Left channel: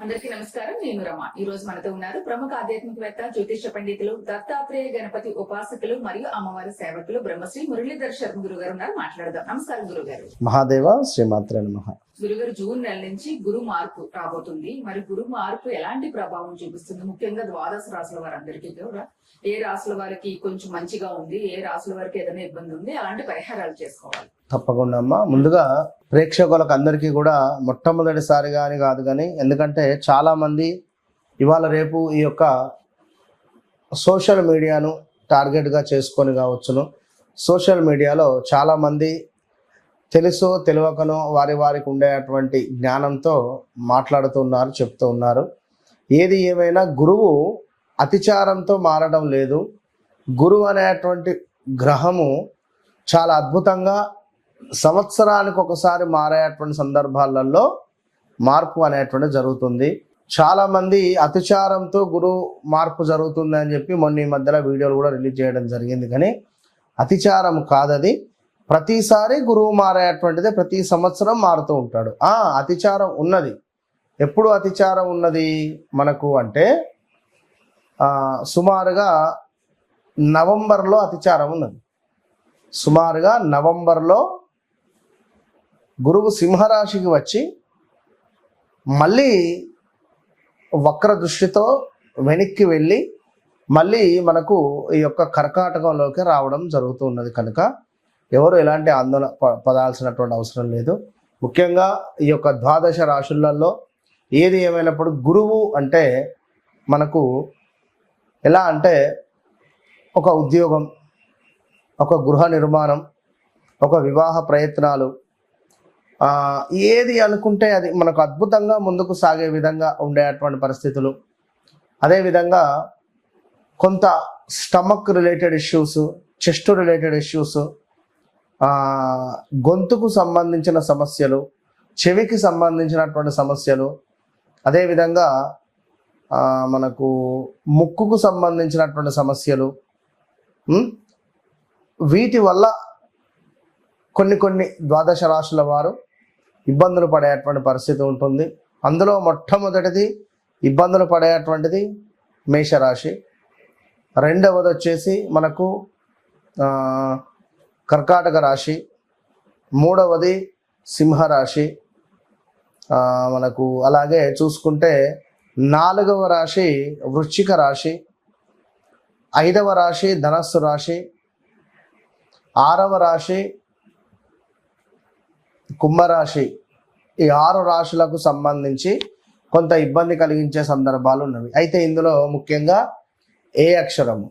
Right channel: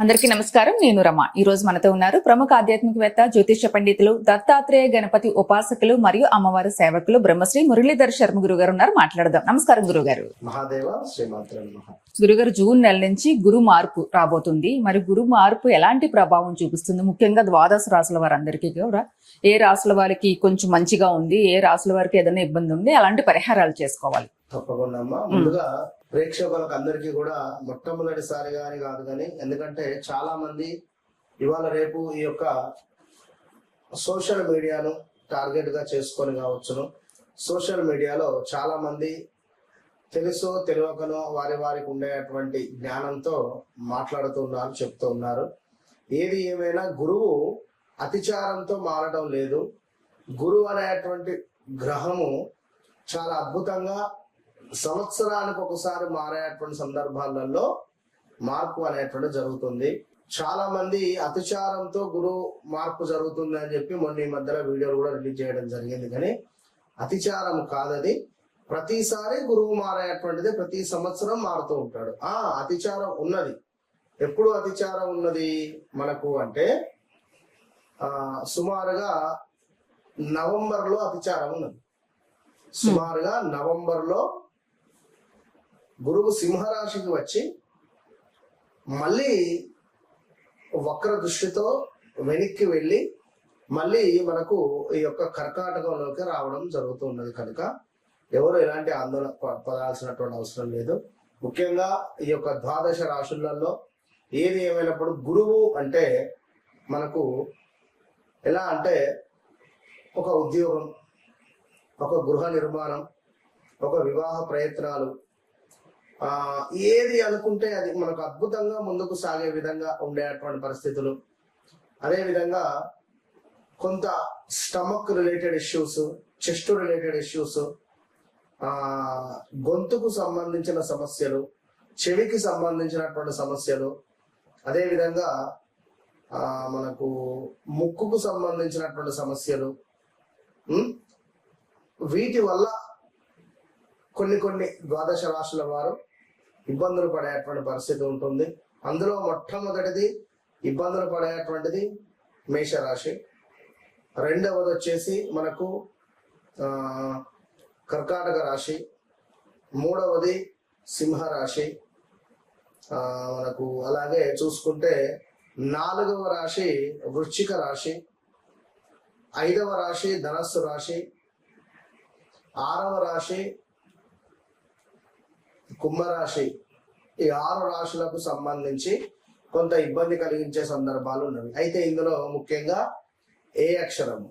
అందరికీ నమస్కారం. నేను రమ. ఈ రోజు మనతో ఉన్నారు ప్రముఖ ఆధ్యాత్మికవేత్త, జ్యోతిష పండితులు, దత్తాత్రేయ గణపతి ఉపాసకులు మరియు అమ్మవారి సేవకులు బ్రహ్మశ్రీ మురళీధర్ శర్మ గురుగారు ఉన్నారు. మాట్లాడదాం. నమస్కారం గురుగారు. మహాదేవ శ్రీమాత్రే నమః. గురుగారు, జూన్ నెల నుంచి గురు మార్పు రాబోతుంది. మరి గురు మార్పు ఎలాంటి ప్రభావం చూపిస్తుంది? ముఖ్యంగా ద్వాదశ రాశుల వారందరికీ కూడా ఏ రాశుల వారికి కొంచెం మంచిగా ఉంది, ఏ రాశుల వారికి ఏదైనా ఇబ్బంది ఉంది, అలాంటి పరిహారాలు చేసుకోవాలి? తప్పకుండా అమ్మా. ముందుగా ప్రేక్షకులకు అందరికీ కూడా మొట్టమొదటిసారిగా అని కాదు కానీ, ఎందుకంటే చాలా మంది ఇవాళ రేపు ఈ యొక్క సోషల్ మీడియాను టార్గెట్గా చేసుకొని కావచ్చును. సోషల్ మీడియాలో చాలా మంది తెలుసో తెలియకనో వారికి ఉండేటువంటి జ్ఞానంతో మాట్లాడుతున్నారు, చెప్తూ ఉన్నారు. ఏది ఏమైనా గురువు అతిచారంతో మారడం లేదు. గురువు అనేటువంటి గ్రహము చాలా అద్భుతంగా సంవత్సరానికి ఒకసారి మారేటువంటి సందర్భాలలో మార్పు అనేటువంటి జరుగుతుంది. చాలా మంది అతిచారంతో గురువు మార్పు జరుగుతుంది అని చెప్పి మొన్న ఈ మధ్యలో వీడియోలు కూడా రిలీజ్ చేయడం జరిగింది. కానీ అతిచారం కాదది. ప్రతిసారి గురువు మారేటువంటిది, ప్రతి సంవత్సరం మారుతూ ఉంటాడు. అతిచారం ఉన్నది. ఎప్పుడు అతిచారం ఉన్నది మనకు అంటే సుమారుగా నవంబర్లో అతిచారం ఉన్నది. సుమారుగా నవంబర్లో గురువు సింహరాశికి వచ్చి మళ్ళీ వక్ర దృష్టితో వెనక్కి వెళ్ళి మళ్ళీ మనకు ఈ యొక్క కర్కాటకంలోకి రావడం జరుగుతున్నది. కనుక ఎవరు ఎలాంటి ఆందోళన పడాల్సినటువంటి అవసరం లేదు. ముఖ్యంగా ఈ యొక్క ద్వాదశ రాశులలో ఏది ఏమైనప్పుడు గురువు అంటే మనకు ఎలా అంటే ఒక ఉద్యోగం, ఒక గృహ నిర్మాణం, ఒక వివాహ ప్రయత్నాలు, ఏది అనుకుంటే అది మనకు అద్భుతంగా ముందుకు సాగే విధంగా ఉండేటువంటి పరిస్థితులు. అదేవిధంగా కొంత stomach related issues, chest related issues, గొంతుకు సంబంధించిన సమస్యలు, చెవికి సంబంధించినటువంటి సమస్యలు, అదేవిధంగా మనకు ముక్కుకు సంబంధించినటువంటి సమస్యలు, వీటి వల్ల కొన్ని ద్వాదశ రాశుల వారు ఇబ్బందులు పడేటువంటి పరిస్థితి ఉంటుంది. అందులో మొట్టమొదటిది ఇబ్బందులు పడేటువంటిది మేషరాశి. రెండవది వచ్చేసి మనకు కర్కాటక రాశి. మూడవది సింహరాశి. మనకు అలాగే చూసుకుంటే నాలుగవ రాశి వృశ్చిక రాశి. ఐదవ రాశి ధనస్సు రాశి. ఆరవ రాశి కుంభరాశి. ఈ 6 రాశులకు సంబంధించి కొంత ఇబ్బంది కలిగించే సందర్భాలు ఉన్నవి. అయితే ఇందులో ముఖ్యంగా ఏ అక్షరము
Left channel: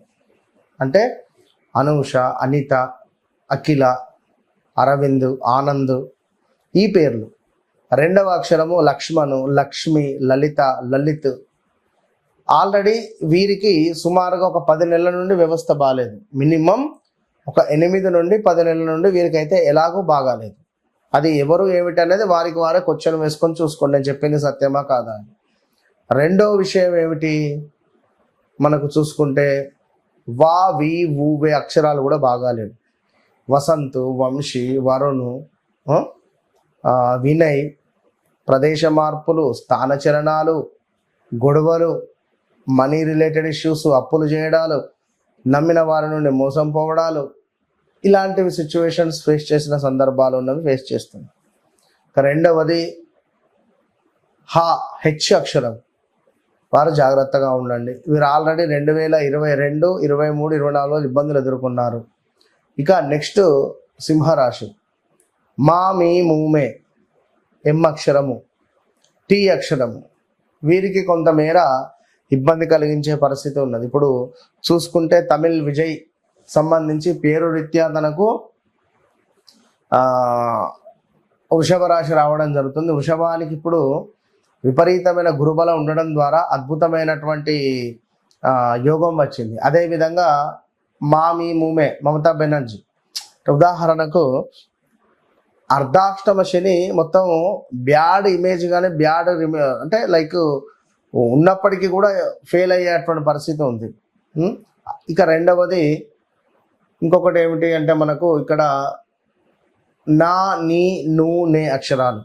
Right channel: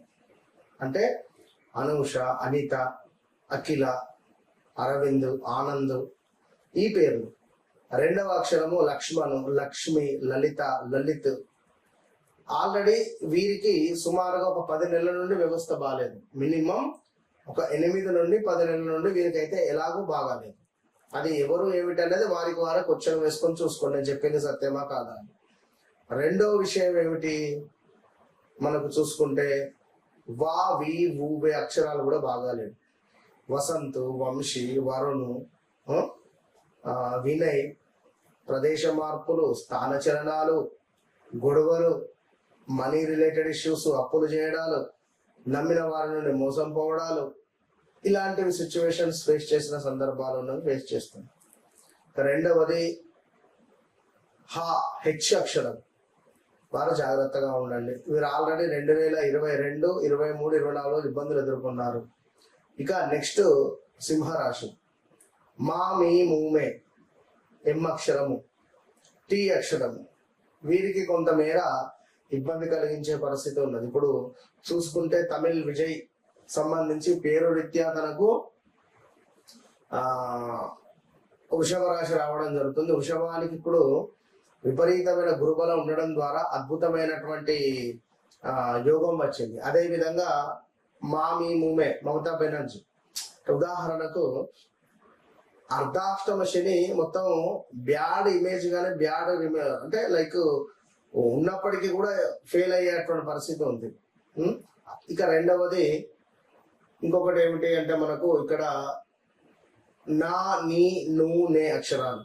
అంటే అనూష, అనిత, అఖిల, అరవింద్, ఆనంద్, ఈ పేర్లు. రెండవ అక్షరము లక్ష్మణు, లక్ష్మి, లలిత, లలిత్. ఆల్రెడీ వీరికి సుమారుగా ఒక 10 నెలల నుండి వ్యవస్థ బాగాలేదు. మినిమం ఒక 8 నుండి 10 నెలల నుండి వీరికైతే ఎలాగూ బాగాలేదు. అది ఎవరు ఏమిటి అనేది వారికి వారే క్వశ్చన్ వేసుకొని చూసుకోండి, నేను చెప్పింది సత్యమా కాదా అని. రెండో విషయం ఏమిటి మనకు చూసుకుంటే వా, వి, ఊ, వే అక్షరాలు కూడా బాగాలేదు. వసంతు, వంశీ, వరుణు, వినయ్, ప్రదేశ మార్పులు, స్థానచలనాలు, గొడవలు, మనీ రిలేటెడ్ ఇష్యూస్, అప్పులు చేయడాలు, నమ్మిన వారి నుండి మోసం పోవడాలు, ఇలాంటివి సిచ్యువేషన్స్ ఫేస్ చేసిన సందర్భాలు ఉన్నవి ఫేస్ చేస్తుంది. రెండవది హెచ్ అక్షరం వారు జాగ్రత్తగా ఉండండి. వీరు ఆల్రెడీ 2022, 23, 24 ఇబ్బందులు ఎదుర్కొన్నారు. ఇక నెక్స్ట్ సింహరాశి. మా, మీ, మూమే, ఎం అక్షరము, టీ అక్షరము. వీరికి కొంతమేర ఇబ్బంది కలిగించే పరిస్థితి ఉన్నది. ఇప్పుడు చూసుకుంటే తమిళ్ విజయ్ సంబంధించి పేరు రీత్యా తనకు వృషభ రాశి రావడం జరుగుతుంది. వృషభానికి ఇప్పుడు విపరీతమైన గురుబలం ఉండడం ద్వారా అద్భుతమైనటువంటి యోగం వచ్చింది. అదేవిధంగా మా, మీ, మూమే మమతా బెనర్జీ. ఉదాహరణకు అర్ధాష్టమ శని మొత్తం బ్యాడ్ ఇమేజ్ కానీ బ్యాడ్ అంటే లైక్ ఉన్నప్పటికీ కూడా ఫెయిల్ అయ్యేటువంటి పరిస్థితి ఉంది. ఇక రెండవది ఇంకొకటి ఏమిటి అంటే మనకు ఇక్కడ నా, నీ, ను, నే అక్షరాలు.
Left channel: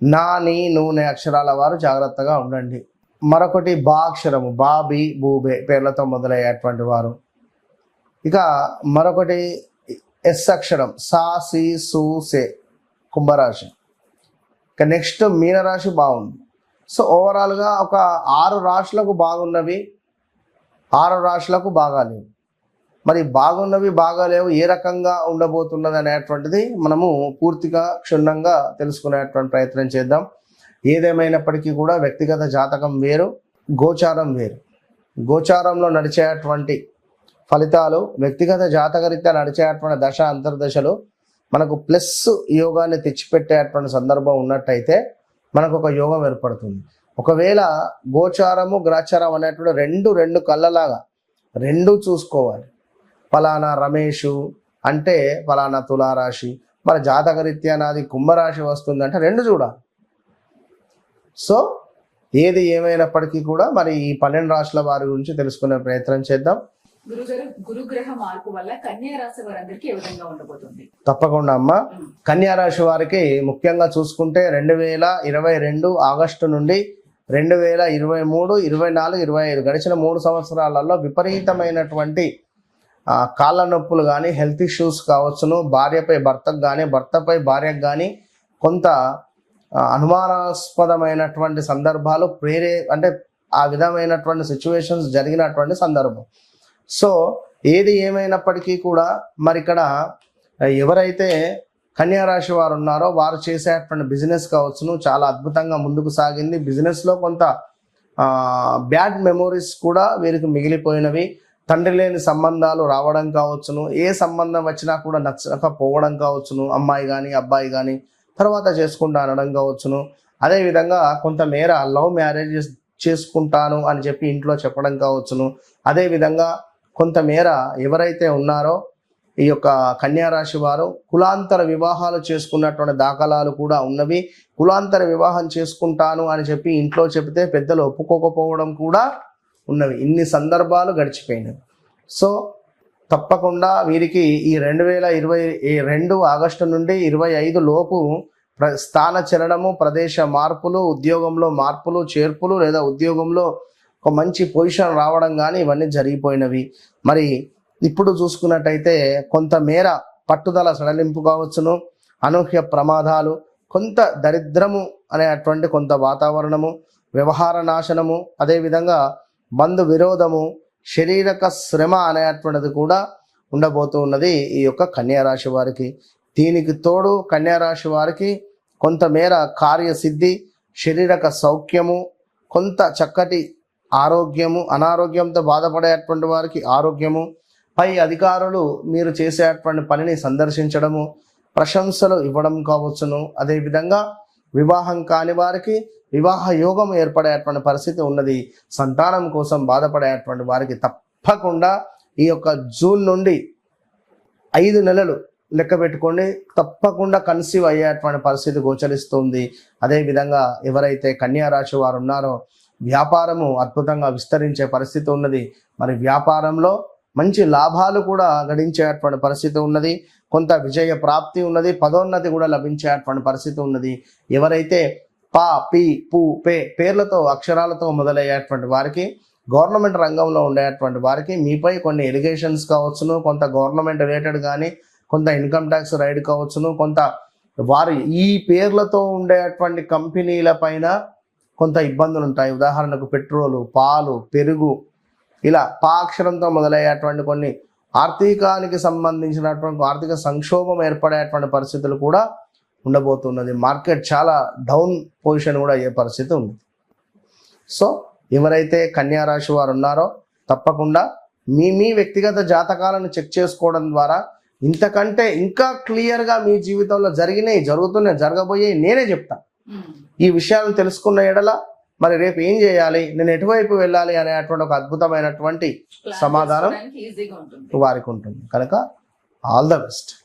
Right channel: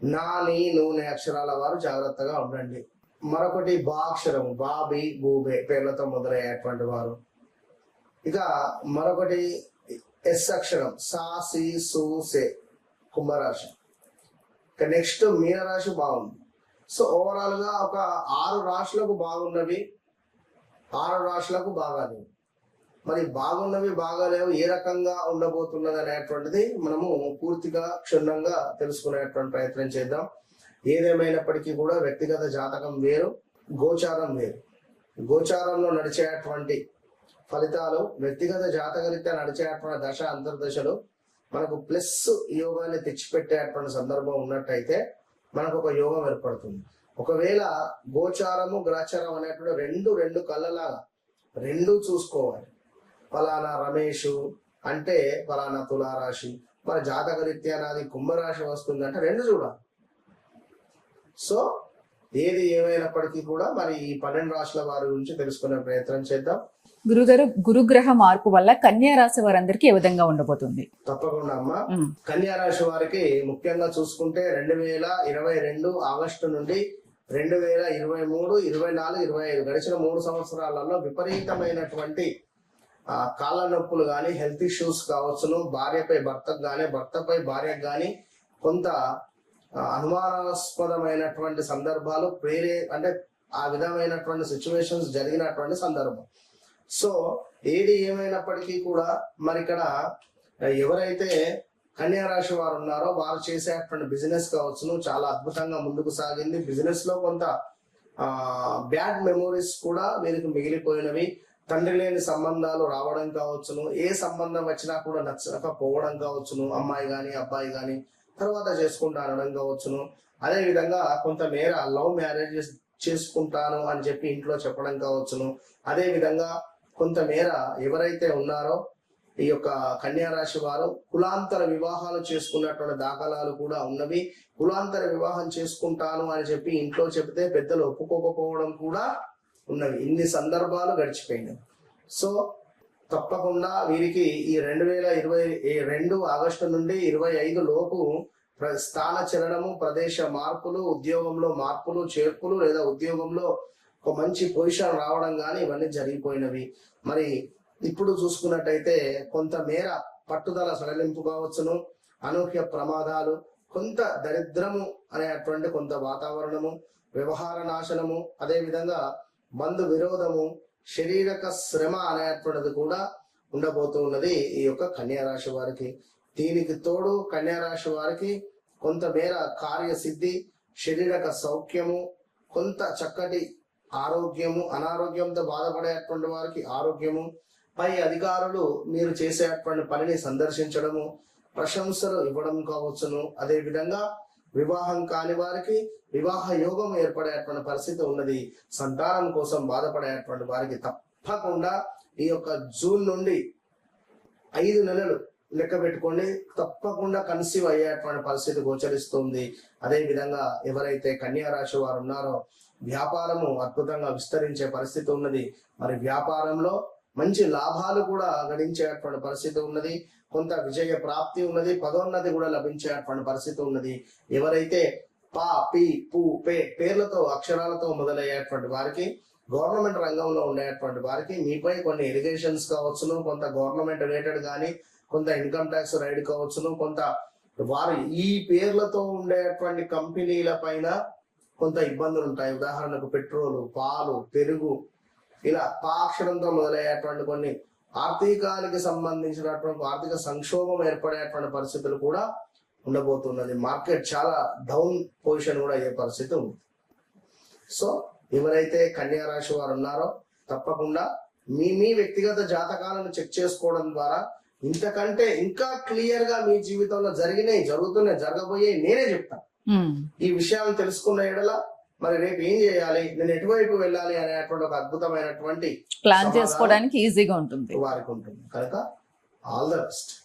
నా నీ నూనె అక్షరాల వారు జాగ్రత్తగా ఉండండి. మరొకటి బా అక్షరము, బాబి బూబే పేర్లతో మొదలయ్యేటువంటి వారు. ఇక మరొకటి ఎస్ అక్షరం, సా సి సు సే కుంభరాశి. ఇక నెక్స్ట్ మీనరాశి బాగుంది. సో ఓవరాల్గా ఒక 6 రాశులకు బాగున్నవి, 6 రాశులకు బాగాలేవు. మరి బాగున్నవి బాగాలేవు ఏ రకంగా ఉండబోతున్నది అనేటువంటిది మనము పూర్తిగా క్షుణ్ణంగా తెలుసుకునేటువంటి ప్రయత్నం చేద్దాం. ఏదేమైనప్పటికీ కూడా వ్యక్తిగత జాతకం వేరు, గోచారం వేరు. గోచారంలో నడిచేటువంటి ఫలితాలు, వ్యక్తిగత జాతకరీత్యా నడిచేటువంటి దశ అంతర్దశలు మనకు ప్లస్ యోగాన్ని తెచ్చిపెట్టేటువంటి సందర్భం ఉన్నట్టయితే మనకు ఒక యోగం ఏర్పడుతుంది. ఒకవేళ గోచారము గ్రాచారం అనేటువంటి రెండు కళ్ళలాగా రెండు చూసుకోవాలి. ఫలానా రమేషు అంటే ఫలానా తులారాశి, మన జాతకరీత్యా నాది కుంభరాశి వస్తుందంటే రెండు చూడాలి. సో ఏది ఏమైనప్పటికీ కూడా మరి ఈ 12 రాశుల వారి గురించి తెలుసుకునే ప్రయత్నం చేద్దాం. గురుగారు, గురుగ్రహ మార్పు వల్ల కన్యా రాశి వారందరికీ ఏ విధంగా ఉండబోతుంది? తప్పకుండా అమ్మ. కన్యా రాశి వారికి ముఖ్యంగా చూసుకుంటే 2022 ఆగస్టు నుండి 2023, 24, 25 గడిచిన 3 సంవత్సరాలలో విపరీతమైనటువంటి కాళ్ళ నొప్పులు కానీ, హెల్త్ ఇష్యూస్ కావచ్చును, భార్యపై భర్తకు కానీ, భర్తపై భార్యకు కానీ కొంత అనుమానాస్పదమైనటువంటి సందర్భాలు అంటే ఆ విధమైనటువంటి సిచ్యువేషన్స్ జరిగినటువంటి సందర్భం. సో ఏది ఏమైనప్పటికీ కూడా మరి ఇక్కడ ఎవరైతే కన్యా రాశి వారు ఉన్నారో వారు చేసేటువంటి బిజినెస్ కావచ్చును చాలా అద్భుతంగా ముందుకు సాగింది. బిజినెస్లో కొంత బ్యాడ్ మెమోరీస్ కూడా వీరికి మిగిలిపోయినవి. తండ్రి లేని సంబంధాలు రావడం కావచ్చును, ఏ సంబంధం వచ్చినా కూడా నచ్చకపోవడం కావచ్చును, అమ్మాయి కానీ అబ్బాయి కానీ తర్వాత చేసుకుంటా అనడం కావచ్చును. అదేవిధంగా కొంతమేర లవ్ మ్యారేజెస్ చేసుకుంటాను అని చెప్పి ఇంట్లో చెప్పడం కావచ్చును. అదేవిధంగా కొంతమేర ఎవరైతే ఉన్నారో ఈ యొక్క కన్యా రాశి వారు కులాంతర వివాహాలు చేసుకున్నటువంటి దాఖలాలు కూడా ఉన్నవి. కులాంతర వివాహం చేసుకుంటాను అని చెప్పి ఇంట్లో చెబితే పెద్దలు ఒప్పుకోకపోవడం కూడా ఉన్నవి. ఇన్ని సందర్భాలు గడిచిపోయినవి. సో తప్పకుండా వీరికి ఈ 2022 ఆగస్టు నుండి 25 లోపు స్థాన చలనము, ప్రదేశ మార్పులు, ఉద్యోగంలో మార్పులు చేర్పులు లేదా ఉద్యోగంలో ఒక మంచి పొజిషన్ రావడం కానీ ఇవన్నీ జరిగిపోయినవి. మరి ఇప్పుడు చూసుకున్నట్టయితే కొంతమేర పట్టుదల సడలింపు కావచ్చును, అనూహ్య ప్రమాదాలు, కొంత దరిద్రము అనేటువంటి కొంత వాతావరణము, వ్యవహార నాశనము, అదేవిధంగా బంధు విరోధము, శారీరక శ్రమ అనేటువంటిది కూడా ఉండబోతూ ఉన్నది ఈ యొక్క కన్యా రాశి వారికి. దీనికి తోడు కన్యా రాశి వారికి కొంతమేర కార్యసిద్ధి, శారీరక సౌఖ్యము, కొంత చక్కటి ఆరోగ్యము, అనారోగ్యంతో బాధపడేటువంటి వారికి ఆరోగ్యము, పై అధికారులు మీరు చేసేటువంటి పనిని సందర్శించడము, ప్రశంసలు ఇవ్వడం కావచ్చును. అదేవిధంగా వివాహం కాని వారికి వివాహ యోగం ఏర్పడేటువంటి పరిస్థితి ఉన్నది. సంతానం కోసం బాధపడేటువంటి వారికి తప్పకుండా ఈ యొక్క జూన్ నుండి 5 నెలలు లెక్క పెట్టుకోండి, తప్పకుండా కన్సీవ్ అయ్యేటువంటి పరిస్థితి గోచరిస్తుంది. అదేవిధంగా ఎవరైతే కన్యా రాశి వారు ఉన్నారో వ్యాపారము అద్భుతంగా విస్తరించే పరిస్థితి ఉన్నది. మరి వ్యాపారంలో మంచి లాభాలు కూడా గడించేటువంటి పరిస్థితి ఉన్నది. కొంత విజయ ప్రాప్తి ఉన్నది, పదోన్నతి కూడా లభించేటువంటి పరిస్థితి ఉన్నది. ఎవరైతే పా, పి, పు, పే పేర్లతో అక్షరాలతో మొదలయ్యేటువంటి వారికి, గవర్నమెంట్ రంగంలో ఉండేటువంటి వారికి మీపై కొన్ని ఎలిగేషన్స్ కావచ్చును, కొంత గవర్నమెంట్ రిలేటెడ్ కానీ, కొంత ఇన్కమ్ ట్యాక్స్ రైడ్ కావచ్చును, కొంత వారు ఈ పేర్లతో ఉండేటువంటి కంపెనీల పైన కొంత ఇబ్బందులు ఉంటాయి. ఉదాహరణకు పెట్రోలు, పాలు, పెరుగు, ఇలా పాక్షరంతో మొదలయ్యేటువంటి కొన్ని ఆర్థికానికి సంబంధించినటువంటి ఆర్థిక సంక్షోభం ఏర్పడేటువంటి పరిస్థితులు కూడా ఉండబోతున్నది. మార్కెట్ చాలా డౌన్ పొజిషన్ కూడా అయ్యే పరిస్థితి ఉంది. సో ఎవరైతే కన్యా రాశి వారు ఉన్నారో తప్పకుండా మీ వ్యక్తిగత జాతకాలను చెక్ చేసుకోవడం ద్వారా ఇంతకంటే ఇంకా క్లియర్గా మీ జీవితంలో జరుగుతున్నాయి, జరగబోయే నేనే చెప్తాను. ఈ విషయాలను తెలుసుకున్న ఎడల మరి రేపు ఏం చేయాలి, నేను ఎటువైపు వెళ్ళాలి అనేటువంటి ఒక అద్భుతమైనటువంటి సమాధానం ఈజీగా ఉంటుంది వారికి ఉంటుంది. కనుక ఆల్ ద బెస్ట్.